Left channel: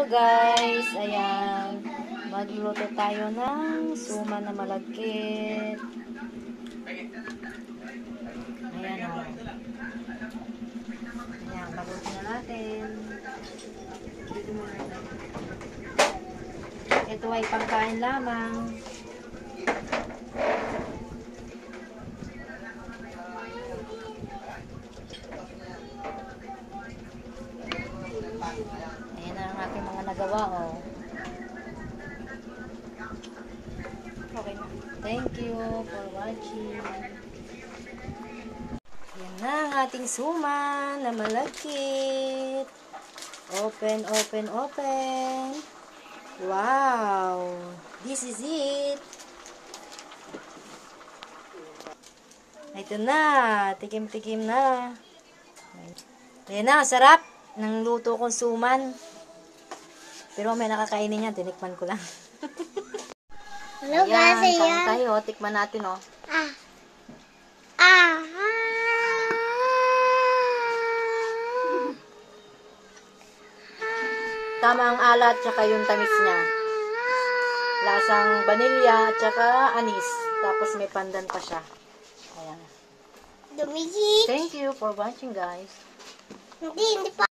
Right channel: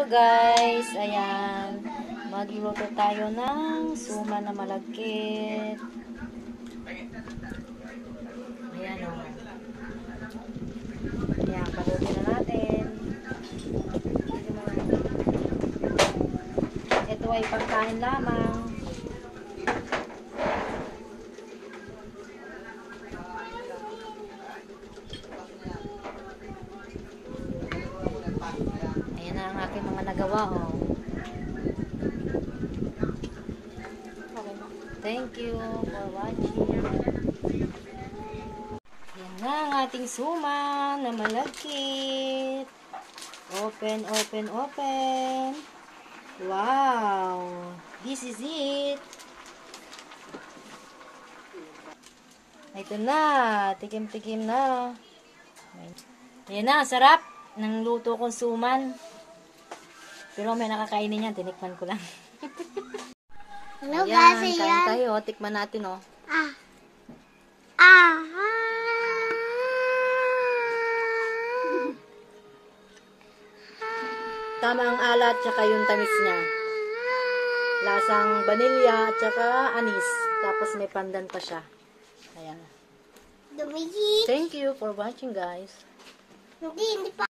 So guys, ayan, magluluto tayo ng suman na malagkit. Ayan o. Ayan, palutin na natin. Ito ay pagkain lamang. Ayan na ang aking mga nagawa o. Okay na. Thank you for watching. Ayan na ang ating suman na malagkit. Open, open, open. Wow! This is it. Ito na. Tikim-tikim na. Ayan na. Sarap ng luto kong suman. Pero may nakakainin yan. Tinikman ko lang. Hello Ayan, guys, kain tayo. Tikman natin, oh. Tama ang alat, tsaka yung tamis niya. Lasang vanilya, tsaka anis. Tapos may pandan pa siya. Ayan. Dumigi. Thank you for watching, guys. Hindi pa.